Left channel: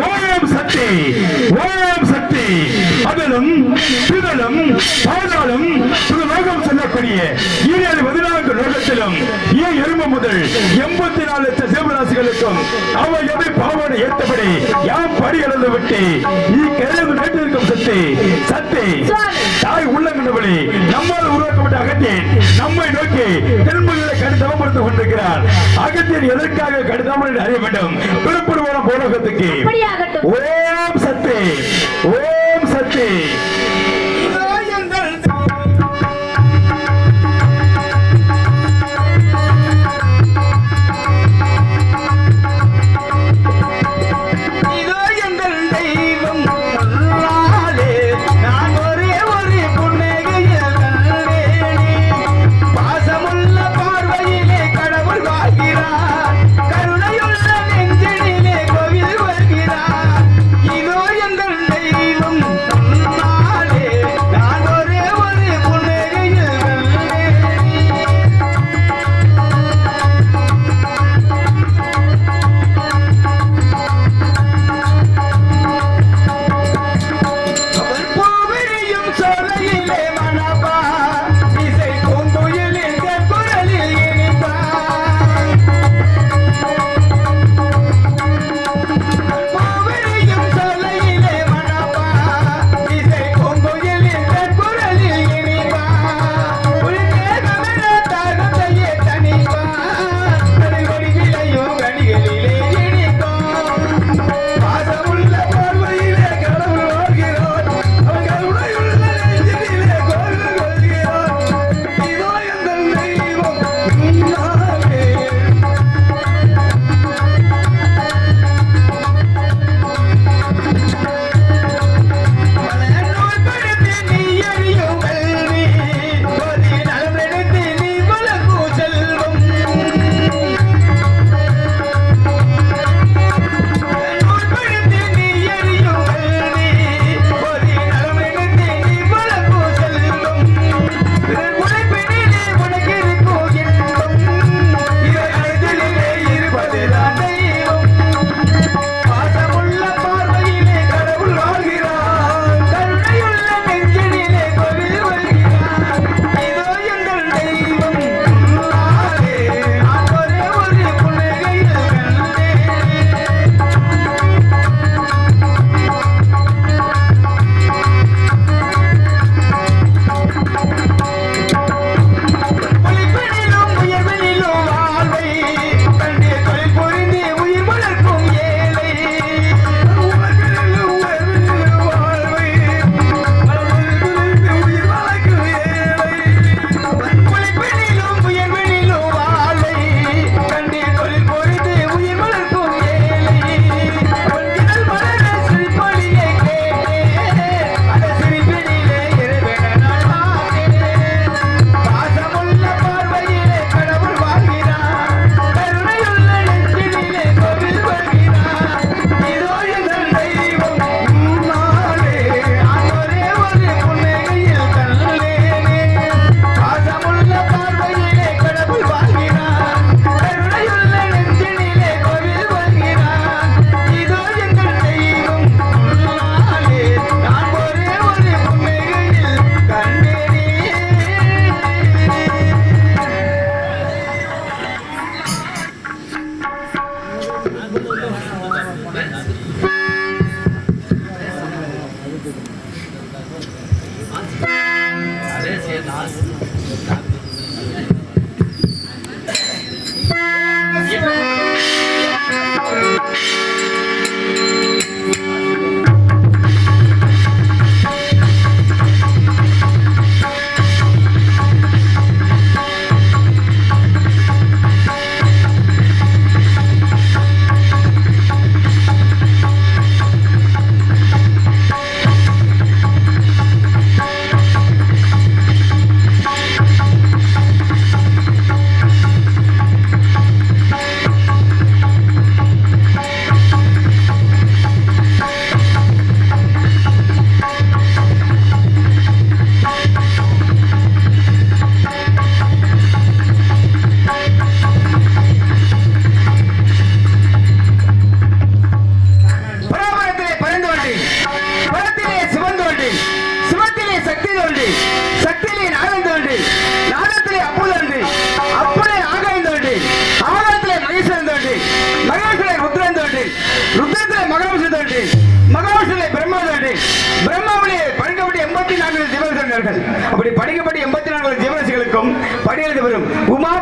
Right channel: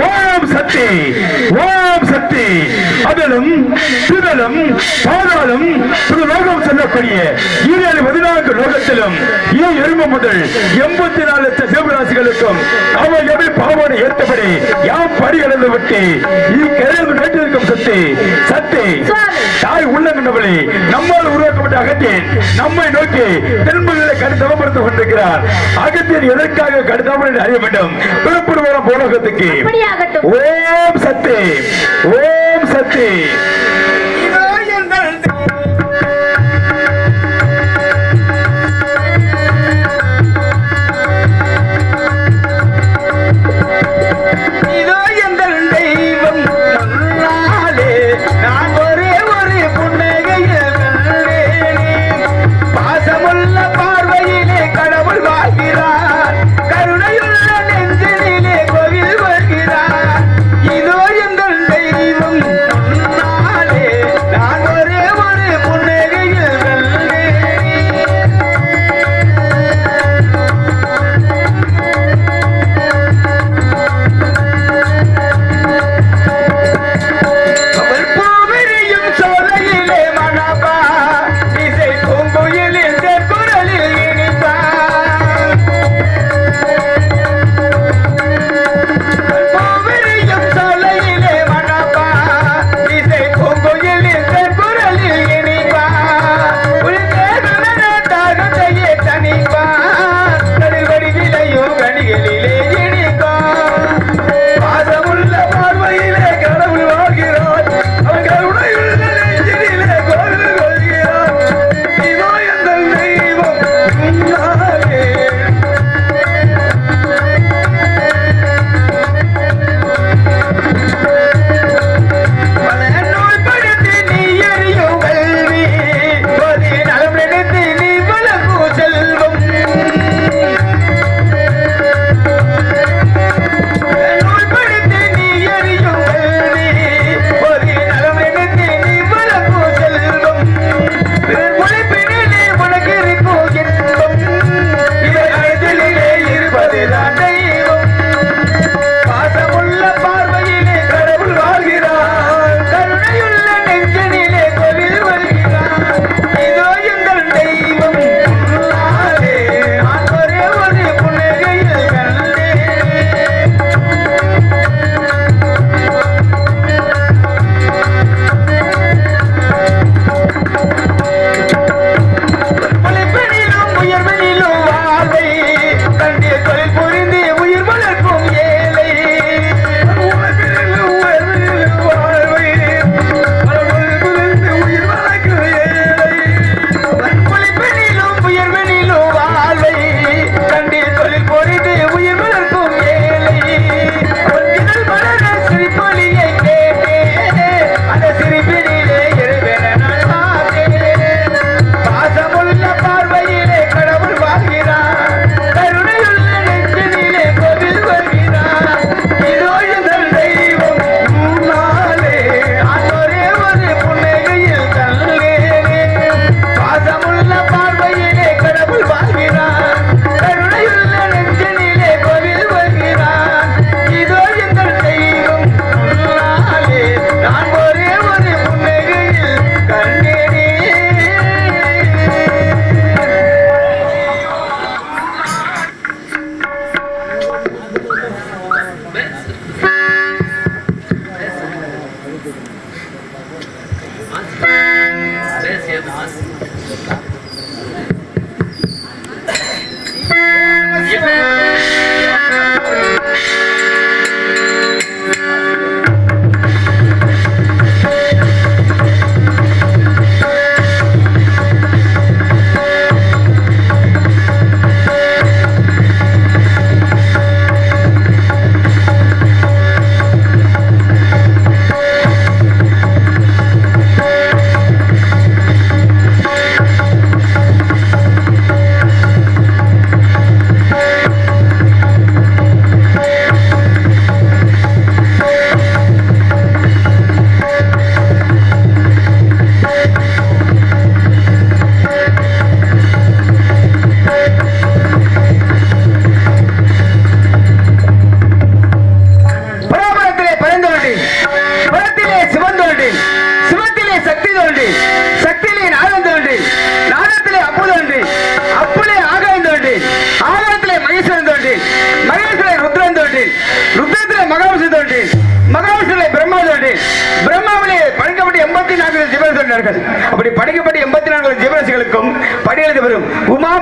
ஓம் சக்தி ஓம் சக்தி. அகலும் திகழும் பாதாளம் திரு லோகம் செல்லக்கூடிய ஈரேழு பதினான்கு லோகத்திலும் ஈ எரும முதல் எண்பத்தி நாலு லட்சம் சிவராசிகளுக்கும் அவ எவை பாவனை ஏற்றபடி யாம் படிகளந்து விட்டு ஈ கிழங்கு நட்டிருக்கும் சக்தி சக்தி. தாய் உள்ளங்கண்டவளே நம்மால் உருவாக்கப்பட்ட அகத்தியன் நம்மை நோக்கி கொண்டிருக்கிறார். அகத்தியன் எதற்காக கடுத்தாமல் அறிய வேண்டும்? பிறப்புடுவோம் போலகத்துக்கு. அப்படியாகட்டும். ஓம் சக்தி. ஓம் சக்தி. Nossa.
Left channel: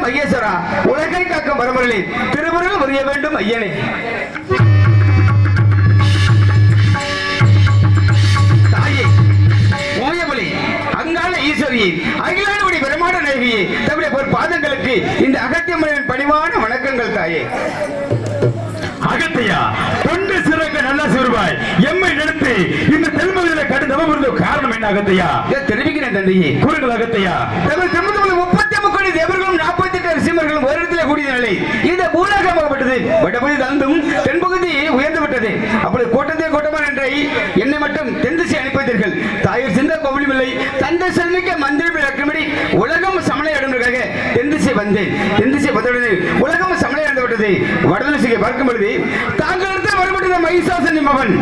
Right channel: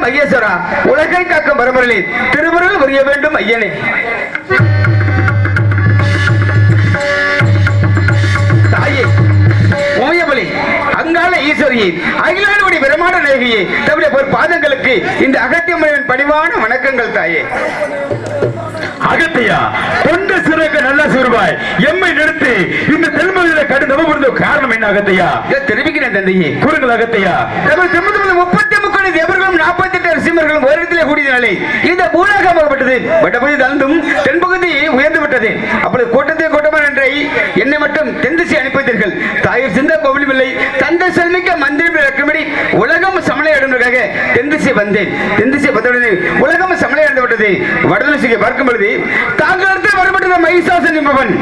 மகேஸ்வரா உலகை காக்கும் பரம்பரிலே திருமுருகல் புரிய வேண்டும் ஐயனே. தாயே ஓயபலி ஈஸ்வரியை நாயகியை தம்முடைய ஒரு பாதங்களுக்கு இந்த அகத்தியம்மனின் பணிவான வணக்கங்கள் தாயே. அகத்தையா தொண்டு சிறக்க நல்ல சிறுவாய் எம்மை நிறுத்தி இந்த தென்மதியில கடும் தவம் காரணம் என்ன அகத்தையா? தெரிவிக்கிறேன் தந்தையே. கூறுங்கள் அகத்தையா. முப்பத்தி முக்கோடி தேவர்களும் நாற்பத்தி எட்டு சிம்மர்களும் ஒரு இடத்திலே கூடிய நிலை இந்த பூலகமாகப்பட்டது வடபகுதி தாழ்ந்தும் தென்பகுதி உயர்ந்து விட்டது. அப்படி கூட்டத்தை கூட்டமா நன்றை என்னை மட்டும் தென் திசை அனுப்பித்தீர்கள். தாயூர் சிந்த கோவிலும் இல்லை. தந்தை செல்மிக்க மந்திரம் இறக்கும்படி உலகம் சமலை அடைந்ததாக தென் திசை வந்தேன். தென் திசை வந்தவுடனே உலகம் சமலை அடைந்து விட்டது. வடதிசையை பார்க்கும் பொழுது தாங்கள் இடத்தில் வரப்பட்டது மகிஷாசன் என்பவன்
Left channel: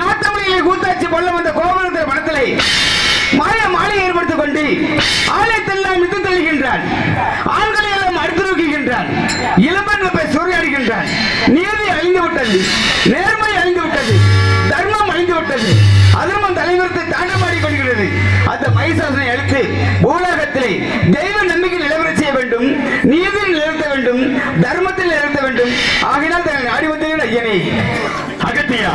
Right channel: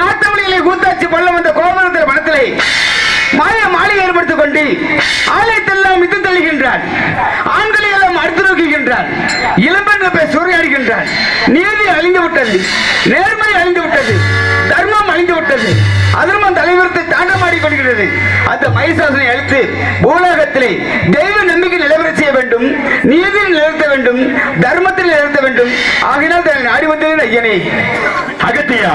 நாட்டவழியிலே கூத்தாச்சி பள்ளம் வந்த கோபுரத்தில் மனத்திலே மாய மாலை ஏற்படுத்திக் கொண்டு ஆலயத்தெல்லாம் மித்து தள்ளுகின்றார். ஆண்களை எல்லாம் அடுத்து நோக்குகின்றார். இளம்பெண்கள் போய் சூறையாடுகின்றார். நீதி அழிந்து விட்டது. நேர்மை அழிந்து விட்டது. தர்மம் அழிந்து விட்டது. அதர்மம் தலைவரத்தை தாண்டமாடி கொள்கிறது. அந்த மகிசாசனை அழித்து பூலோகத்திலே தெய்வ நம்பிக்கை நிலவரச் செய்ய வேண்டும். நீதி நிலநிறுத்த வேண்டும். தர்மத்தில் நிலநிறுத்த வேண்டும். ஆகினால் தன்னை நாடி வந்து ஐயனே அகத்தியா.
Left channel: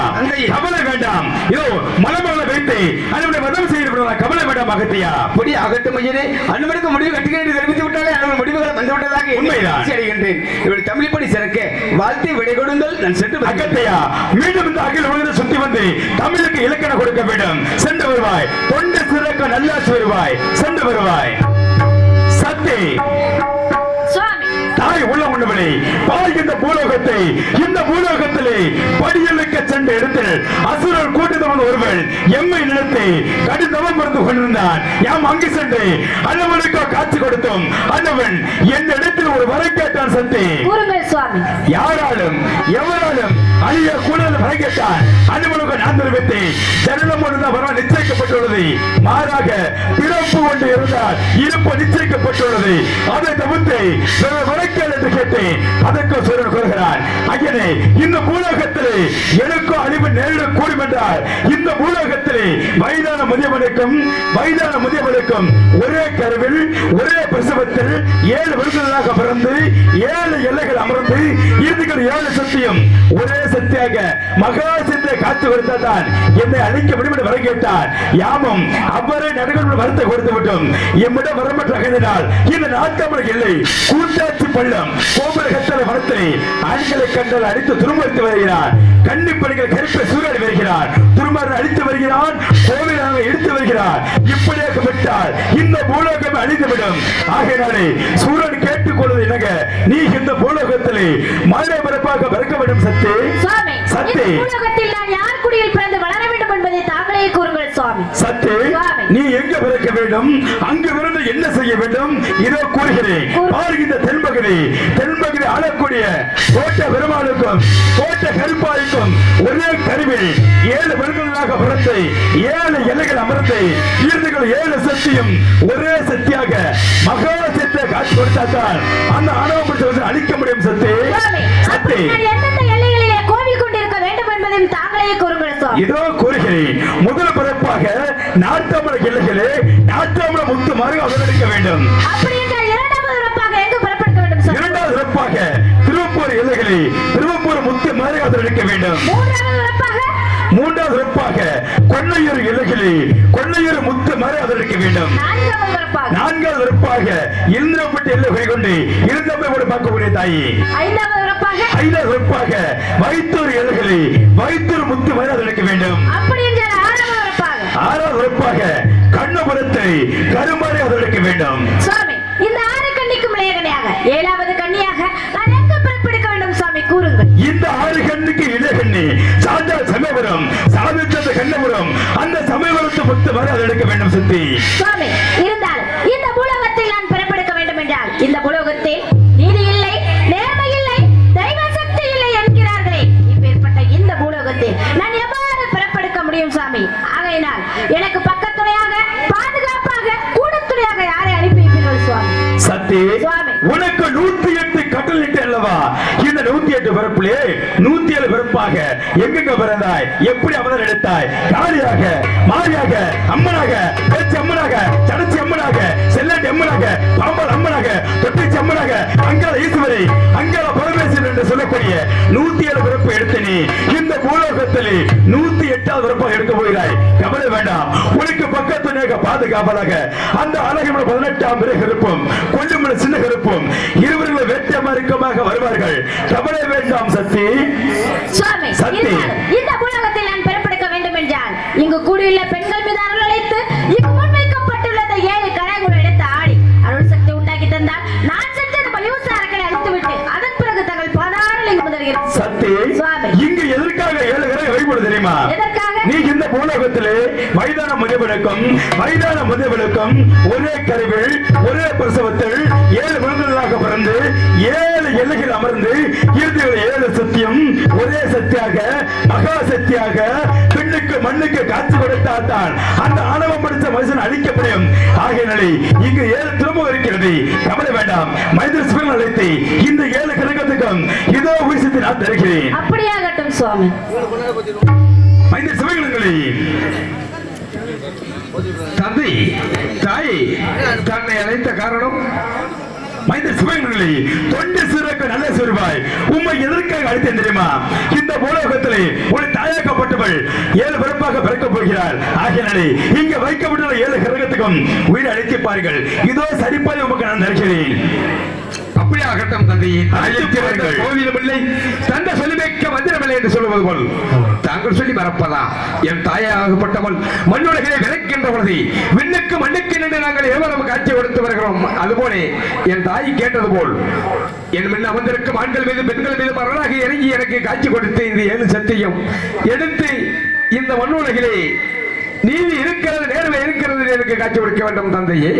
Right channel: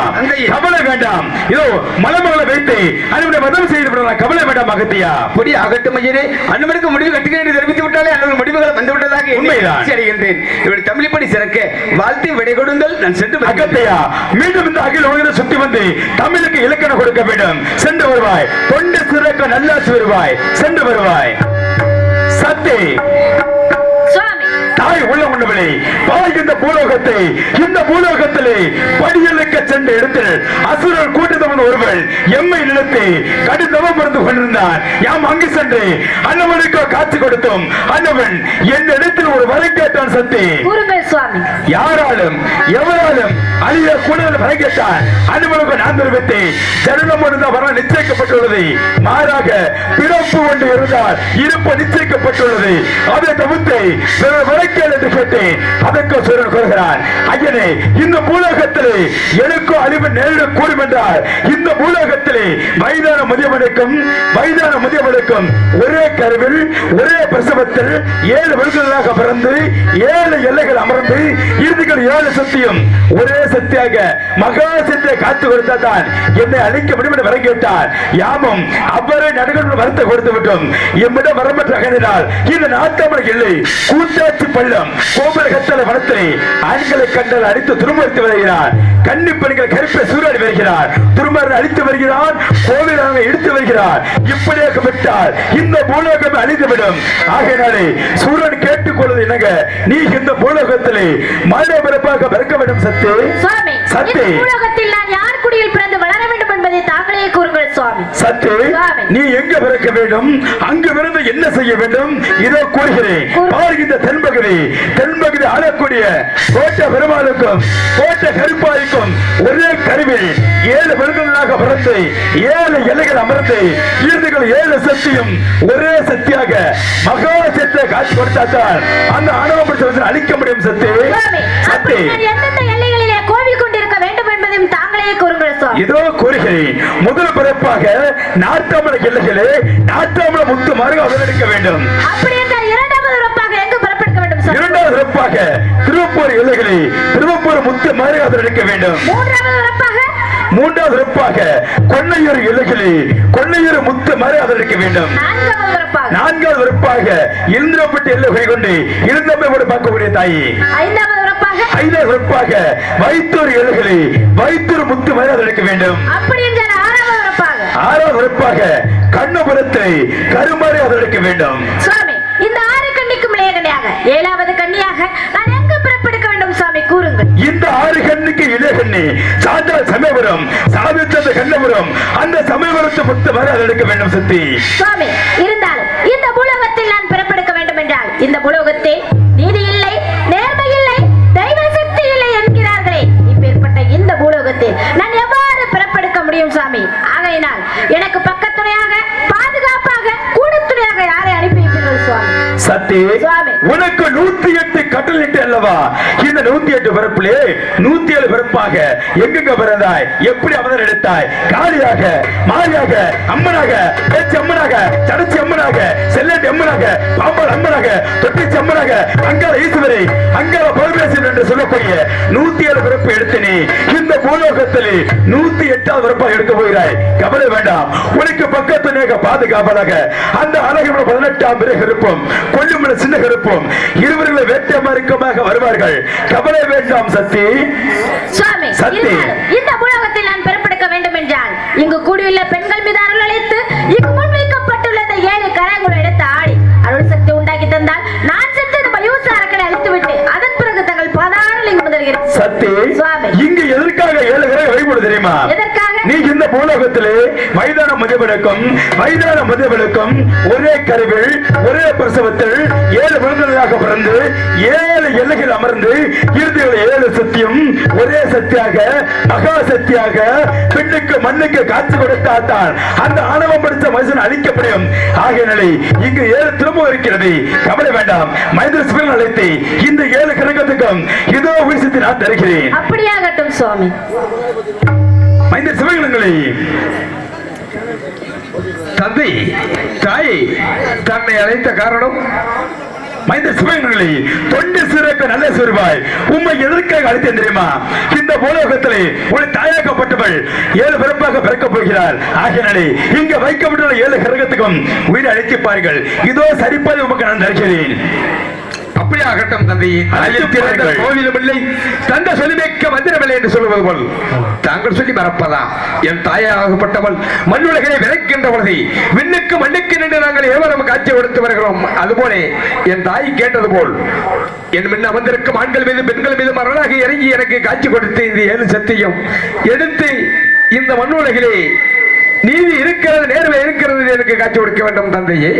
கவலை வேண்டாம். இதோ மலமகளை வைத்து அதனுடைய வதம் செய்து கவலை வேண்டாம் அகத்தியா. பொடி அகட்டும் ஐயரே அனுமனுக்கு முடிவு கட்டுகிறேன் என்று தெரிவித்து விட்டாலே அனுமன் முடிவுகள் வந்து விட்டதாக எண்ணி உண்மைதான். மகிழ்ச்சி அடைகின்றேன். இவள் தமிழிப்படி சிறக்க வாழ்த்தி விடை கொடுங்கள். நான் சென்று. அகத்தையா மீண்டும் இந்த அகில உலகத்தை சுத்தி வந்து தமிழுக்கு இலக்கணம் கொடுக்க வேண்டும். சென்று வருவாய். தொண்டு சிறக்க நல்லாசி வருவாய். சென்று வருவாய். சத்தி. தாய் உள்ள உண்டவளே பாய் இந்த பூலோகத்தை இந்த பூலோகத்திலே படியலுக்க சென்ற இடத்தில் அசுரர் கூட்டத்தவன் ஒருவன் எம்மை நிலத்தை கடிதவம் இருந்து கொண்டிருந்தான். யாம் அங்கு சென்று அண்ணவனுக்கோ காட்சி கொடுத்தோம். அண்ணவன் எந்த இடத்தில் ஒரு வரை கேட்டான் சத்தி யாராலும் எவராலும் அழிய கூடுதல் வரை கேட்டான் நான் தெரிவித்தேன் ஜனனம் ஒன்று வர நிச்சயிக்கப்பட்டுள்ளது. மாறாக பிறப்பு ஒன்று இருந்தால் இருப்பு நிச்சயிக்கப்பட்டுள்ளது. அதை தவிர்த்து பிறர் வரைக்கல் என்று கேட்டேன். அதற்கு சிறர் கூறுகிறார் ஐயனே இந்த பூலோகத்திலே எனக்கும் அழிவு நேரிட கூடும் என்றால் இந்த பூலோகத்திலே வயதான முதியவனுக்கும் வயதான முதியவனுக்கும் ஒரே கருவில் ஒரே பிரசவத்தில் ஏழு விருதுகளாக பிறந்து ஏழு எல்லைகள் அமர்ந்து இறுதிகள் ஏழு சத்தியம் ஒரே சத்தியாக மகா சத்தியை காத்து கொடுத்தால் என்னை அழிக்க முடியும் என்று வரங்கிவிட்டார் யாமும் அவரை நடுகள் வருத்த கொடுத்து விட்டோம். எம்மிடம் வரம்பற்ற அகனினால் இந்த நாட்டமலை இல்லை. கூத்தாச்சி பள்ளம் கோபுர கத்தலை வனத்திலே ஆண்களை கண்டல் அடித்து துருமுறுத்து வருகிறார். கன்னி பெண்கள் கருப்பை சூறாடி வருகிறார். துருமரன் அழித்து வருகிறான் கோவிலாக எடுத்து வருகிறார். இப்படியாக விட்டால் இந்த பூலோகம் அழிந்துவிடும். ஆகையினாலே சூரன் கேட்டுக்கொள்வது என்னங்க? நீ இந்த பூலோகத்திலே மழை பிறப்பாக பிறக்க வேண்டும் சத்தே. சுவாமி. சத்து. உலகத்தில் நான் யார் குடியில் பிறந்து வளர வேண்டும் என்பதை தாங்களே கூறுங்கள் சுவாமி. சத்து. நீ எங்க பிறக்க வேண்டும்? அங்கு பிறந்து என்ன செய்ய வேண்டும்? இதோ கூறுகிறேன். கூறு. பாருகின்ற தென்பகுதி. தென்பகுதி ஆளக்கூடிய கோட்ட பெருமாளுக்கும் கோட்ட கருப்பாய்க்கும் ஒரே கருவில் ஏழு விருதுகளாக பிறந்து ஏழு இலைகள் அமர்ந்து இறுதிகள் ஏழு சக்தியும் ஒரே சக்தியாக மகா சத்தை காட்சி கொடுத்தால் அந்த ஆணவ அழிக்க முடியும் சத்து. சுவாமி சத்து அப்படி நான் எந்தெந்த எல்லைகளிலே கோவில் கொண்டிருக்க வேண்டும் என்பதையும் தாங்களே கூறுங்கள் சுவாமி இதோ கூறுகிறேன். முதல் பிறப்பாக நாட்டாமல எல்லைகளே நாட்டாமல முத்து மாறுக அவதரிக்க வேண்டும். இரண்டாவது சிறப்பாக திருவப்பூர் எல்லைகளை திருவப்பூர் முத்து மாறுக அவதரிக்க வேண்டும். மூன்றாவது சிறப்பாக கொன்னையூர் எல்லைகளை கொன்னையூர் முத்து மாறி அவதரிக்க வேண்டும். நான்காவது சிறப்பாக இந்திரப்பட்டு எல்லை கொண்டு இருந்தமை கூட பார்க்கக்கூடிய தாயி. ஐந்தாவது ஐந்தாவது சிறப்பாக வைத்தூர் எல்லைகளை வைத்தூர் முத்து மாறி அவதரிக்க வேண்டும். ஆறாவது உறுப்பாக கண்ணபுரத்தை கருமாறி அதற்கு வேண்டும். இந்த ஆறு கண்ணிக்கும் இளையகனியாக ஏழாவது கண்ணியாக நான் எங்கு பிறப்பெடுக்க வேண்டும் சுவாமி? கூறுங்கள். இந்த ஆறு கண்ணுக்கு இளையகண்ணி சாந்தா சமயபுரம் சாமித்தந்த கண்ணபுரம் அந்த சமயபுரத்து முத்து வரை அதற்கு வேண்டும் சக்தி சுவாமி இருந்தாலும் இந்த பூலோகத்தில் நான் பிறப்பெடுக்க வேண்டும் என்றால் இந்த பூலோகத்தில் சுவாமி. உனக்கு நூத்தி எட்டு கட்டல் இட்டு அல்லவா? இந்த நூத்தி எட்டு பிறப்பிலே நூத்தி ஏழு பிறப்பாக எங்கெங்க பிறந்தாய்? எப்படி அவதர் எடுத்தாய்? காளியாக மாரியாக அம்மனாக பேச்சு அம்மனாக சடச்சி அம்மனாக செல்லண்டி அம்மனாக பாம்பாள் அம்மனாக தொட்டிச்சி அம்மனாக அங்காள ஈஸ்வரி அங்காள பரமேஸ்வரன் என்று சொல்லக்கூடிய நூத்தி ஏழு பிறப்பு எடுத்தனே இந்த பூலோகத்திலே நூத்தி எட்டாவது பிறப்பாக எடுக்க போகிறாய். கவலை வேண்டாம். உனக்கு பக்கத்து பாதுகாப்பதாக. அந்த அழகிமல பதினெட்டாம் பிறை கருப்பும் கொல்லுமல சின்ன கருப்பும் இருவர்களை வேட்டை மார்க்கமாக வருவார்கள். கவலை வேண்டாம் சக்தி சுவாமி சக்தி. பூலோகத்திலே மைதான முதியவனுக்கும் மைதான முதியவனுக்கும் ஒரே கருவில் ஒரே பிரசவத்தில் ஏழு மனிதர்களாக பிறந்து ஏழு எல்லைகள் அமர்ந்து இறுதியில் ஏழு சத்தியம் ஒரே சக்தியாக மகா சக்தியாக பெண்ணுக்கு மண்ணுக்கு காட்சி கொடுத்தால் அந்த ஆணவம் படித்த மனுஷன் அழிக்கப்படும். ஆகிய நிலை இங்கு ஏழு திரும்ப இருக்கிறது. கவலை வேண்டாம். மனித சிவன் அழைத்து இந்த ஏழு கிரகத்துக்கும் இதோ உயிசத்தை நான் தருகிறேன். அப்படியாகட்டும் சுவாமி. மைந்த சிவகணங்களை தந்தை தாய் தன்னை அழைத்த காரணம் மைந்த சிவகணங்களை தொண்டு சிறக்க நல்ல சிறுவாய் உண்மை எதற்காக அழைத்தேன் தெரியுமா? இந்த பூலோகத்திலே ஒரு தாயாக்கப்பட்டவள் ஏழு பிறப்பாக பிறக்கப் போகிறாள். ஆகியனாலே இங்க வைக்கப்பட்டுள்ள ஏழு கிரகத்துக்கும் உயிரை அழைத்திப்பார்கள் இதோ சரிப்பாதை உமக்கு நான் தருகிறேன். அப்படியே ஆகட்டும் தந்தை அழைத்து பாருங்கள். கோவிலும் இல்லை தந்த செலுமைக்க மந்திரமில்லை என்று சொல்லுவது போல். தாங்கள் சொல்லி மறப்பதா? என் தாயாகப்பட்டவள் மண்ணுலகை விளக்கின்ற பொழுது விண்ணுக்கு மண்ணுக்கு நின்று நாங்கள் எவரும் காட்சி கொடுத்து வருகிறோம். அதுபோல என் தாய் கேட்டது போல் என் முன்ன அமர்ந்திருக்கும் ஆண்கள் மீது பெண்கள் மீது மரணாக இறங்கி எனக்கு காட்சி கொடுத்து இந்த ஏழு சத்தியம் எடுத்து இந்த மண்ணுலகிலே நீதி இருக்கிறது நேர்மை இருக்கிறது எனக்கு காட்சி கொடுக்க வேண்டும் தந்தையே.